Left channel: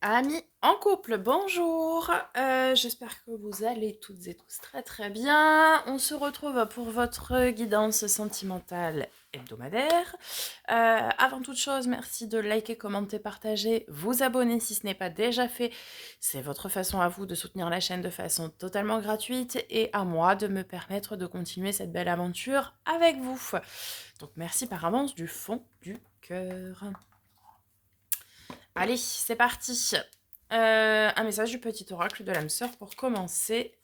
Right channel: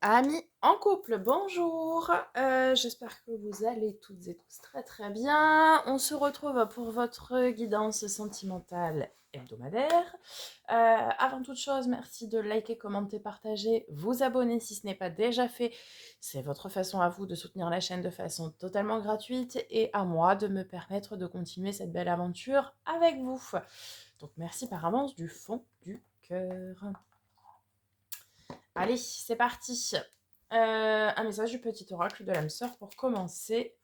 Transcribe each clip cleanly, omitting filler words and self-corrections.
Amis en couple, bonjour. J'espère que vous allez toutes et tous très très bien. On se retrouve pour votre guidance sentimentale hebdomadaire. Avant toute chose, merci de liker, commenter, partager, vous abonner si ce n'est pas déjà fait. C'est votre façon à vous de soutenir la chaîne de façon totalement gratuite et à moi de me permettre de continuer cette belle aventure avec vous. Donc merci par avance du fond du cœur. Allez, c'est parti. Un message du petit oracle de l'âme sœur pour commencer.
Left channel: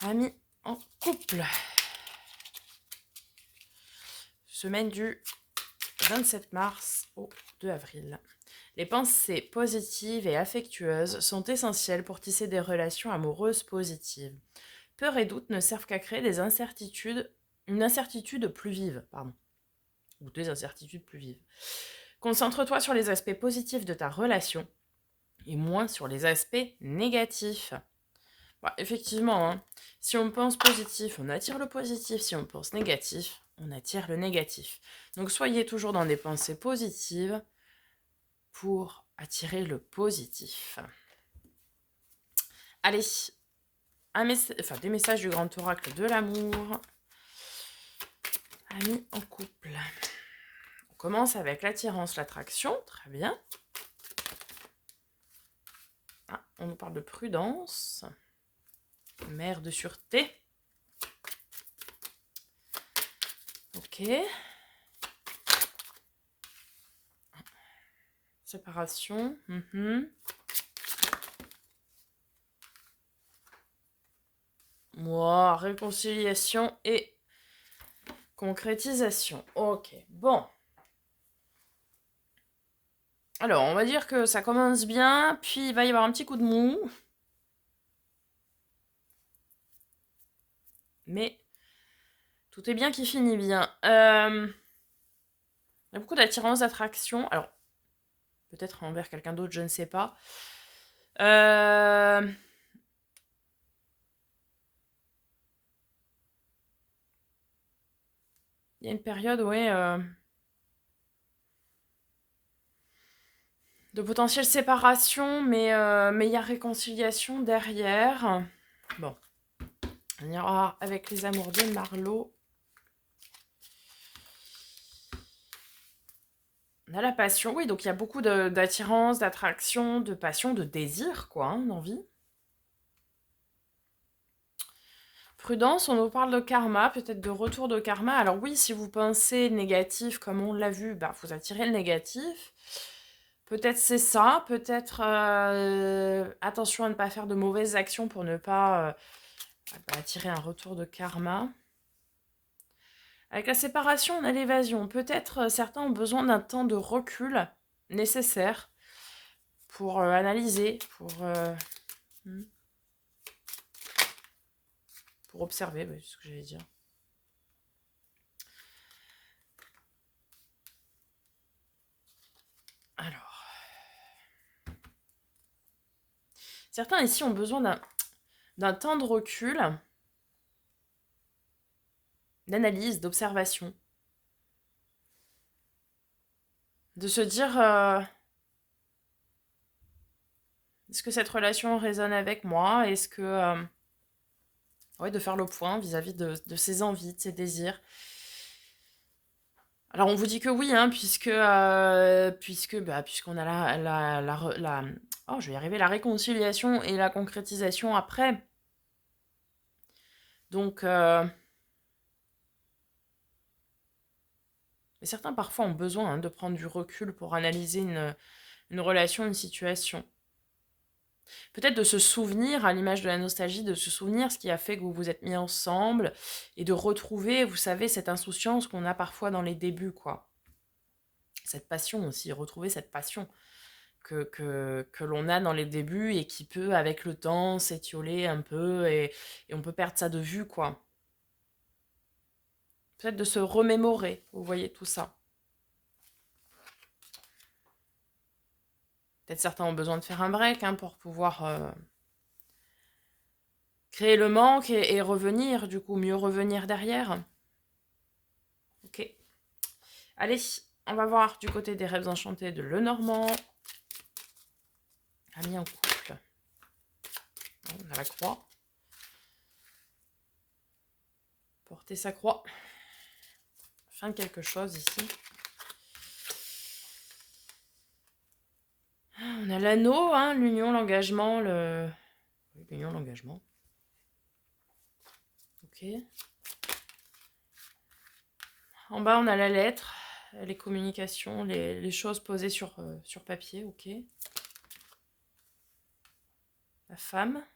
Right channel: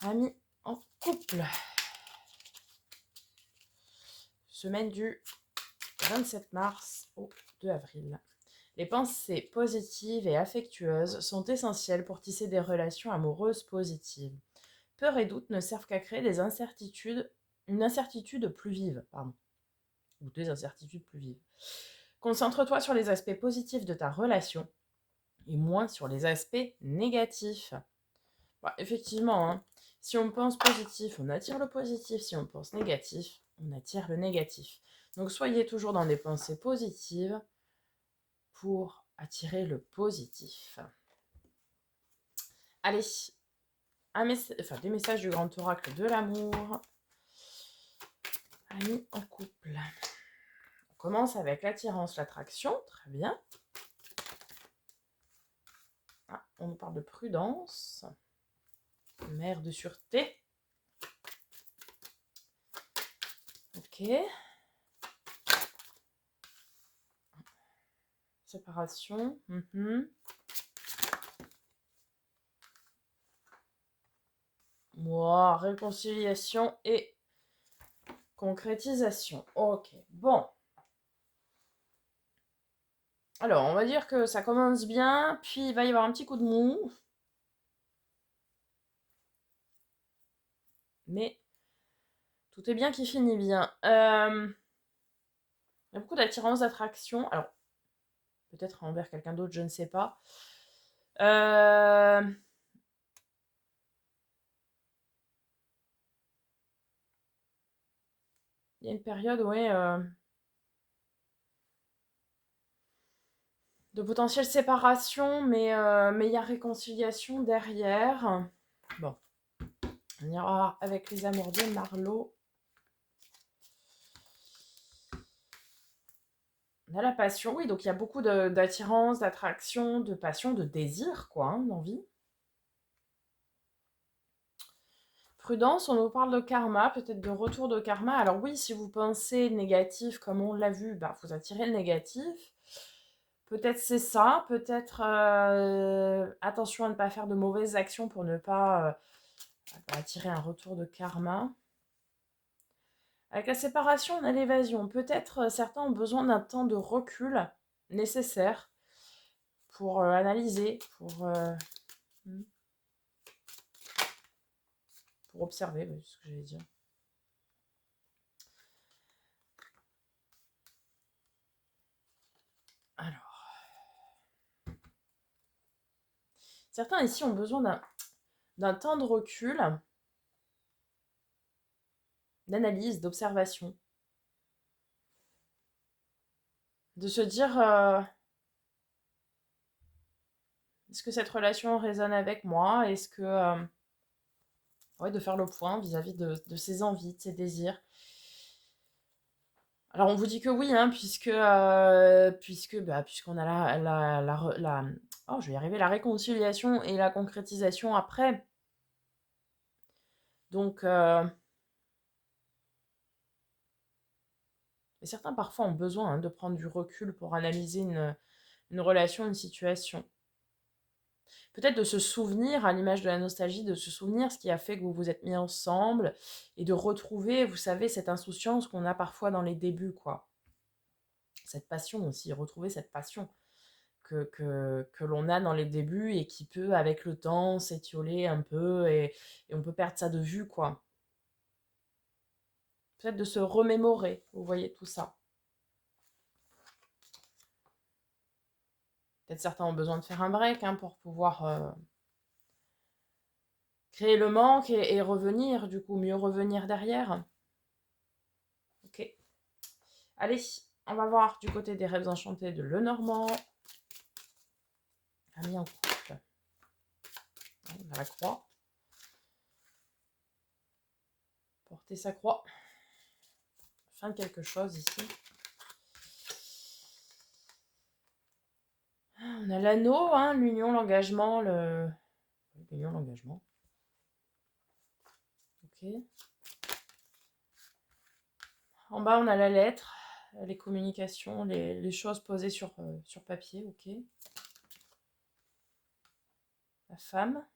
Amis en couple. Semaine du 27 mars au 2 avril. Les pensées positives et affectueuses sont essentielles pour tisser des relations amoureuses positives. Peur et doute ne servent qu'à créer une incertitude plus vive, ou des incertitudes plus vives. Concentre-toi sur les aspects positifs de ta relation et moins sur les aspects négatifs. Bah, effectivement, hein, si on pense positif, on attire le positif. Si on pense négatif, on attire le négatif. Donc soyez toujours dans des pensées positives pour attirer le positif. Allez, des messages du grand oracle de l'amour. Amis en couple. On commence avec l'attirance, l'attraction. Très bien. Ah, on nous parle de prudence. Mère de sûreté. Ok. Séparation. Moi, réconciliation et concrétisation. Ok, bon. Alors, on va dire que ça commence bien, puis il va y avoir un petit coup de mou. Mais tout est bien qui finit bien. Il y a beaucoup d'attirance, d'attraction. Alors, peut-être envers quelqu'un d'autre, je ne sais pas. Euh, Il y a une période, ouais, de potentielle séparation, mais il y a réconciliation derrière. Bon, on ira avec les amours de Marlowe. On a la passion, oui, donc il y a beaucoup d'attirance, d'attraction, de passion, de désir, quoi, hein, d'envie. Prudence, on nous parle de karma, peut-être de retour de karma. Alors oui, si vous pensez négatif, comme on l'a vu, bah, vous attirez le négatif. Peut-être c'est ça, peut-être attention à ne pas faire de mauvaises actions pour ne pas attirer un retour de karma. Avec la séparation, on a l'évasion. Peut-être certains ont besoin d'un temps de recul nécessaire pour analyser, hmm, pour observer, c'est ce que j'allais dire. Alors, certains ici ont besoin d'un temps de recul, d'analyse, d'observation. De se dire, est-ce que cette relation résonne avec moi? Est-ce que... ouais, de faire le point vis-à-vis de ses envies, de ses désirs. Alors on vous dit que oui, hein, puisqu'on a oh, je vais y arriver, la réconciliation et la concrétisation après. Donc, et certains parfois ont besoin, hein, de prendre du recul pour analyser une relation, une situation. Peut-être de se souvenir, à l'image de la nostalgie, de se souvenir ce qui a fait que vous vous êtes mis ensemble et de retrouver, vous savez, cette insouciance qu'on a parfois dans les débuts, quoi. Cette passion aussi, retrouver cette passion que l'on a dans les débuts et qui peut, avec le temps, s'étioler un peu et on peut perdre ça de vue, quoi. Peut-être de se remémorer, vous voyez, tout ça. Peut-être certains ont besoin de faire un break, hein, pour pouvoir créer le manque et revenir, du coup, mieux revenir derrière. Ok. Allez, on va voir du côté des rêves enchantés de Lenormand. Amis en couple. On a la croix. Porter sa croix. Fin de quelque chose ici. On a l'anneau, hein, l'union, l'engagement, l'union, l'engagement. Ok. En bas, on a la lettre, les communications, les choses posées sur papier. Ok. La femme.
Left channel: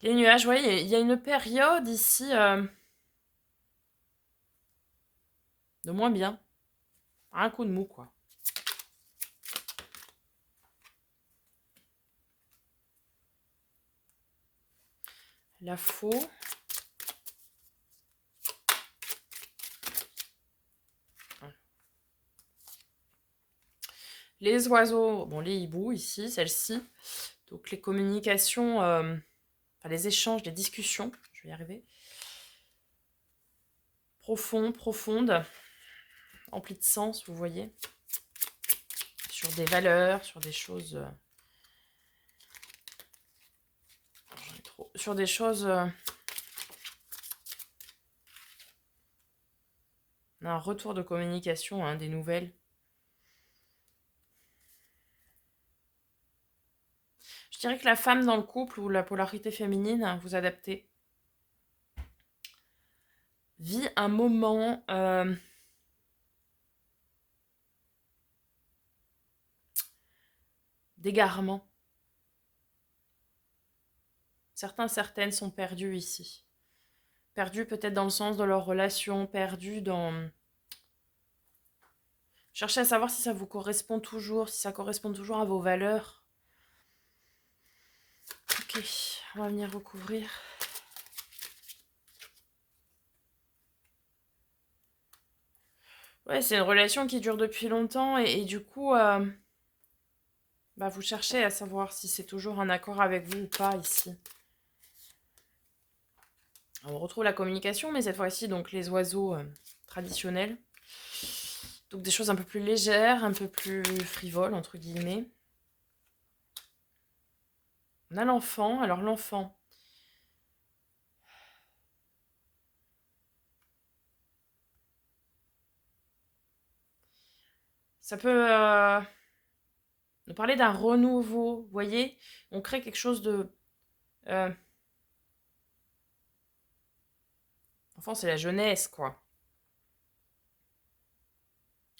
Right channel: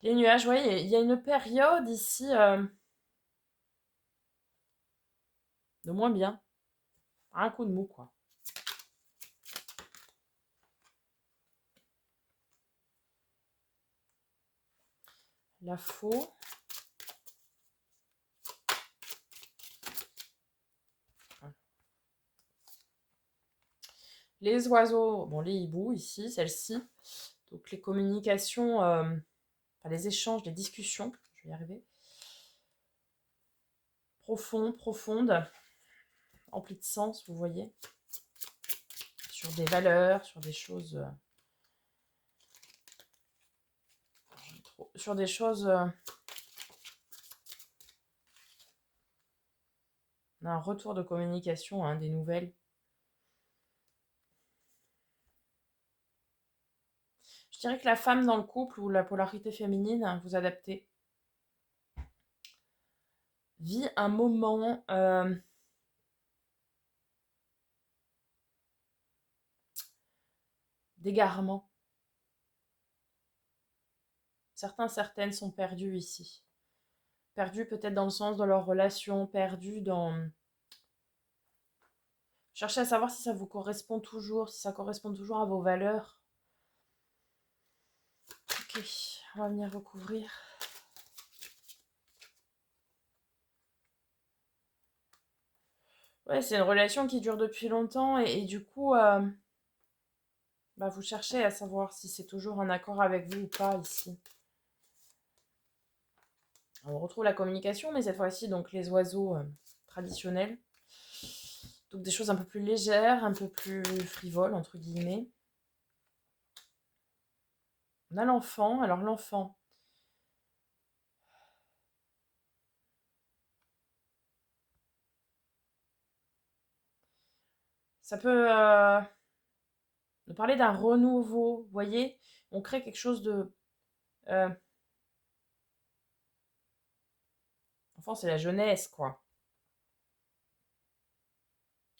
Les nuages, vous voyez, il y a une période ici de moins bien. Un coup de mou, quoi. La faux. Les oiseaux, bon, les hiboux ici, celle-ci. Donc les communications, enfin les échanges, les discussions, je vais y arriver. Profond, profonde, empli de sens, vous voyez. Sur des valeurs, sur des choses... sur des choses... un retour de communication, hein, des nouvelles. Je dirais que la femme dans le couple ou la polarité féminine, hein, vous adaptez, vit un moment d'égarement. Certaines sont perdues ici. Perdues peut-être dans le sens de leur relation, perdues dans... Cherchez à savoir si ça vous correspond toujours, si ça correspond toujours à vos valeurs. Ok, on va venir recouvrir. Ouais, c'est une relation qui dure depuis longtemps et du coup, bah, vous cherchez à savoir si c'est toujours en accord avec vous ou pas ici. On retrouve la communication, mais cette fois-ci, donc les oiseaux traditionnels. Donc des choses un peu plus légères, un peu plus frivoles, entre guillemets. On a l'enfant. Alors l'enfant, ça peut nous parler d'un renouveau. Vous voyez, on crée quelque chose de... L'enfant, c'est la jeunesse, quoi.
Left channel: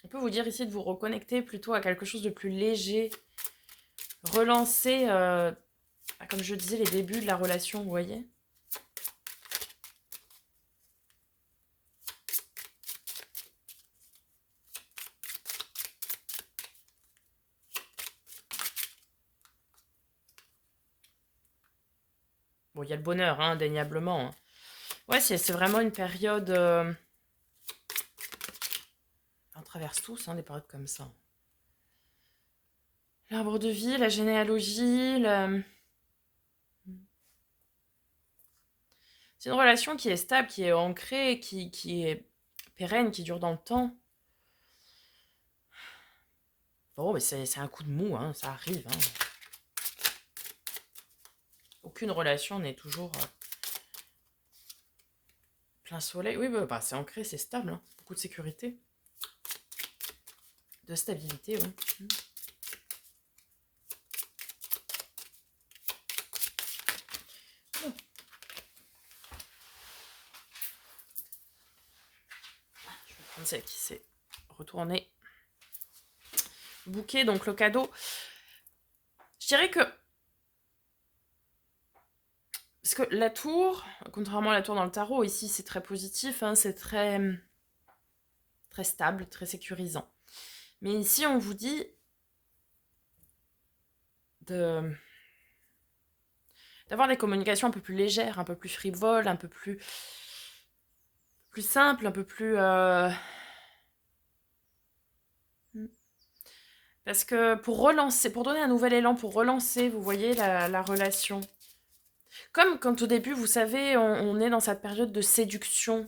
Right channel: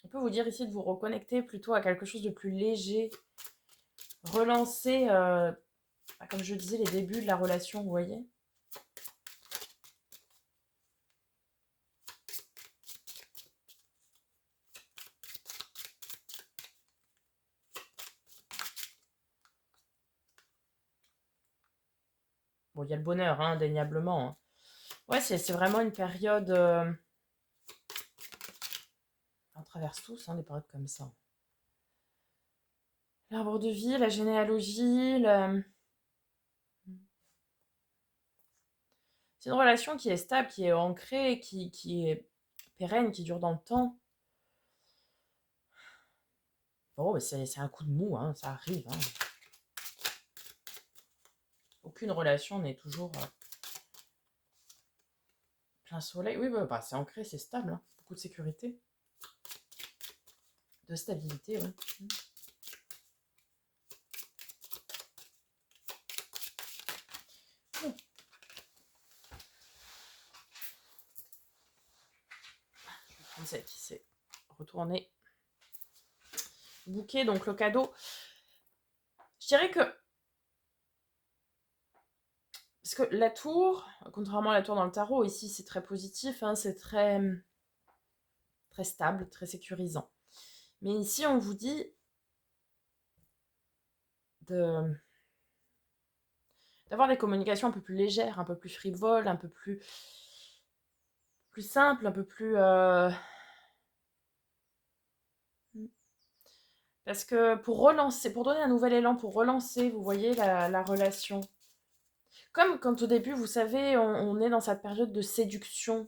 On peut vous dire ici de vous reconnecter plutôt à quelque chose de plus léger. Relancer, comme je disais, les débuts de la relation, vous voyez. Bon, il y a le bonheur, hein, indéniablement. Hein. Ouais, c'est vraiment une période... on traverse tous hein, des périodes comme ça. L'arbre de vie, la généalogie, c'est une relation qui est stable, qui est ancrée, qui est pérenne, qui dure dans le temps. Bon, mais c'est un coup de mou, hein, ça arrive. Hein. Aucune relation n'est toujours plein soleil. Oui, bah, c'est ancré, c'est stable. Hein. Beaucoup de sécurité. De stabilité, oui. Oh. Je vais prendre celle qui s'est retournée. Bouquet, donc le cadeau. Je dirais que... Parce que la tour, contrairement à la tour dans le tarot, ici c'est très positif, hein, c'est très, très stable, très sécurisant. Mais ici on vous dit d'avoir des communications un peu plus légères, un peu plus frivoles, un peu plus simples, un peu plus... Parce que pour relancer, pour donner un nouvel élan, pour relancer, vous voyez, la relation. Comme quand au début, vous savez, on est dans cette période de séduction,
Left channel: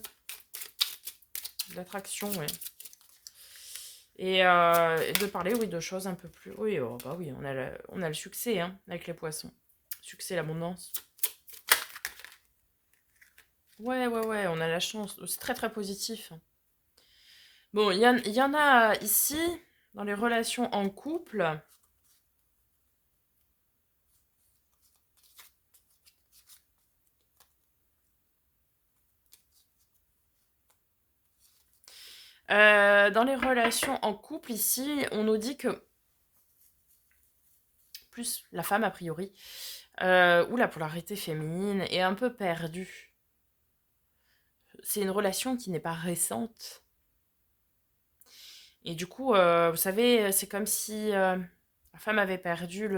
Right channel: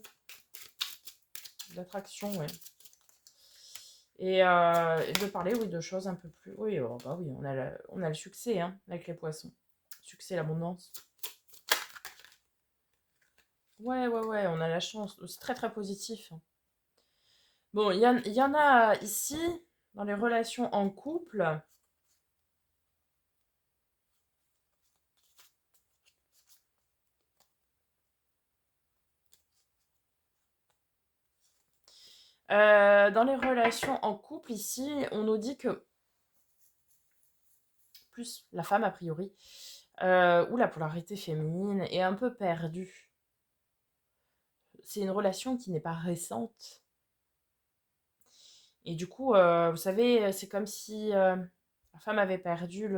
d'attraction, ouais. Et de parler, oui, de choses un peu plus... Oui, oh, bah oui, on a le succès hein, avec les poissons. Succès, l'abondance. Ouais, ouais, ouais, on a la chance. C'est très, très positif. Bon, il y en a ici, dans les relations en couple. Dans les relations en couple, ici, on nous dit que, plus la femme a priori, ou la polarité féminine est un peu perdue. C'est une relation qui n'est pas récente. Et du coup, vous savez, c'est comme si la femme avait perdu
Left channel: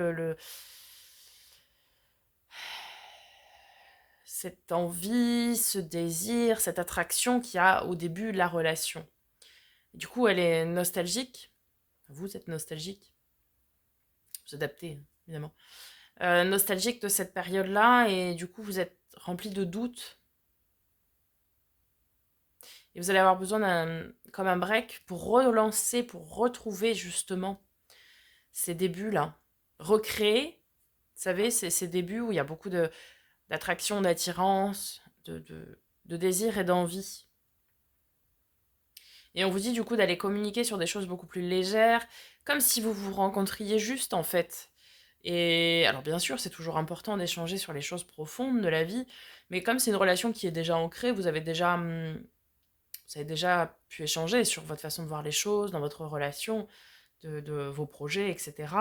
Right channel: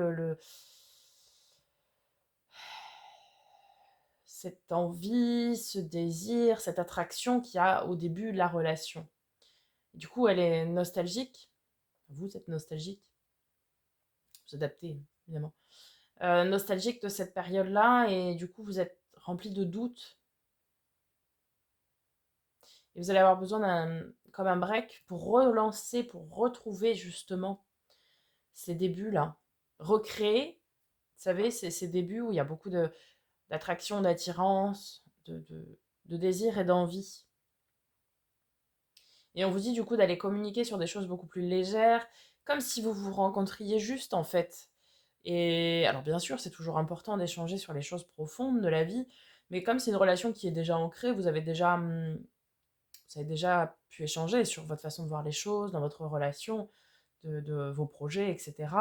cette envie, ce désir, cette attraction qu'il y a au début de la relation. Et du coup, elle est nostalgique. Vous êtes nostalgique. Vous adaptez, évidemment. Nostalgique de cette période-là, et du coup, vous êtes rempli de doutes. Et vous allez avoir besoin comme un break pour relancer, pour retrouver justement ces débuts-là. Recréer, vous savez, ces débuts où il y a beaucoup d'attraction, d'attirance, de désir et d'envie. Et on vous dit du coup d'aller communiquer sur des choses beaucoup plus légères, comme si vous vous rencontriez juste en fait. Et alors bien sûr, c'est toujours important d'échanger sur les choses profondes de la vie, mais comme c'est une relation qui est déjà ancrée, vous avez déjà pu échanger sur votre façon de voir les choses, dans votre relation, de vos projets, etc.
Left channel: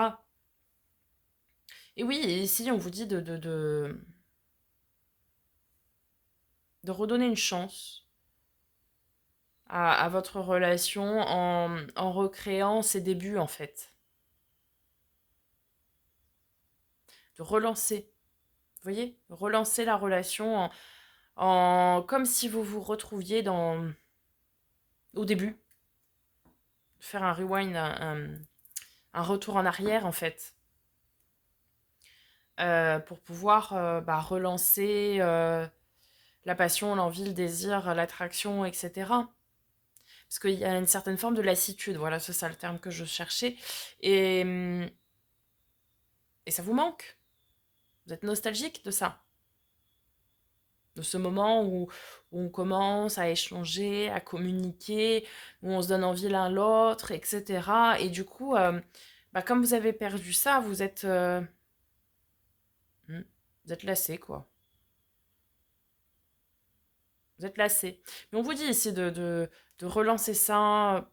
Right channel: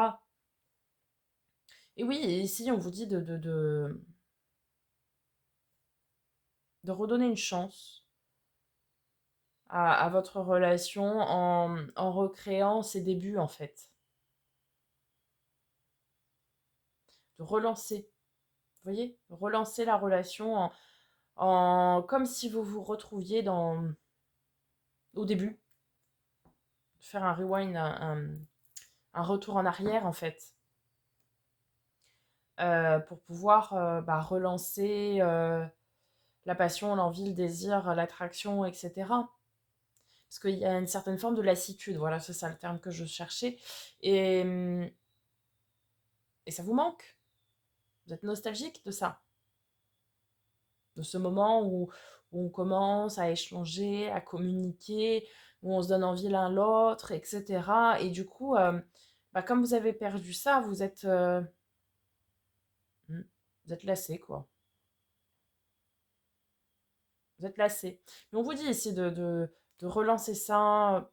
Et oui, et ici on vous dit de redonner une chance à votre relation en recréant ses débuts en fait. De relancer, vous voyez, relancer la relation comme si vous vous retrouviez au début. Faire un rewind, un retour en arrière en fait. Pour pouvoir relancer la passion, l'envie, le désir, l'attraction, etc. Parce qu'il y a une certaine forme de lassitude, voilà, c'est ça le terme que je cherchais. Et, et ça vous manque. Vous êtes nostalgique de ça. De ce moment où on commence à échanger, à communiquer, où on se donne envie l'un l'autre, etc. Et du coup, comme vous avez perdu ça, vous êtes lassé, quoi. Vous êtes lassé. Mais on vous dit ici de relancer ça,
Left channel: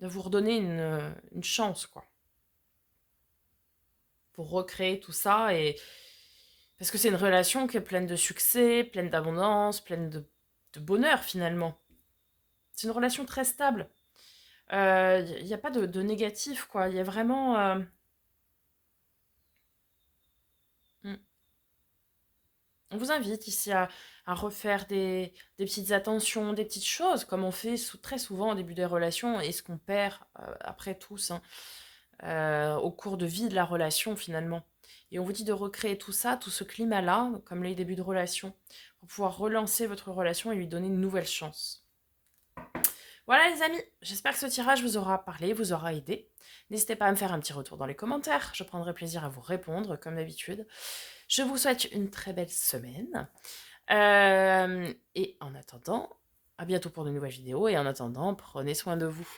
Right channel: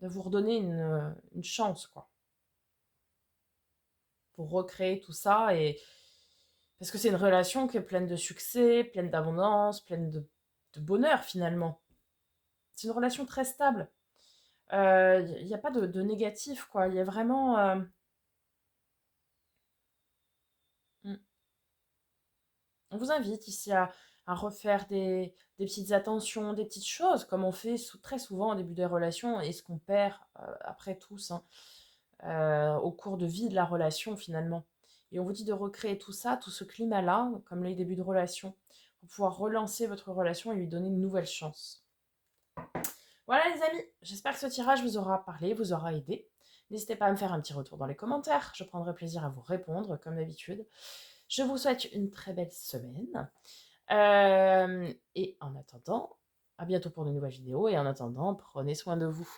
de vous redonner une chance, quoi. Pour recréer tout ça. Parce que c'est une relation qui est pleine de succès, pleine d'abondance, pleine de bonheur, finalement. C'est une relation très stable. Il n'y a pas de négatif, quoi. Il y a vraiment... hmm. On vous invite ici à refaire des petites attentions, des petites choses, comme on fait très souvent au début des relations, et ce qu'on perd après tous, hein, au cours de vie de la relation finalement. Et on vous dit de recréer tout ça, tout ce climat-là, comme les débuts de relation, pour pouvoir relancer votre relation et lui donner une nouvelle chance. Voilà les amis, j'espère que ce tirage vous aura parlé, vous aura aidé. N'hésitez pas à me faire un petit retour dans les commentaires, je prendrai plaisir à vous répondre comme d'habitude. Je vous souhaite une très belle semaine. Et en attendant, à bientôt pour de nouvelles vidéos. Et en attendant, prenez soin de vous.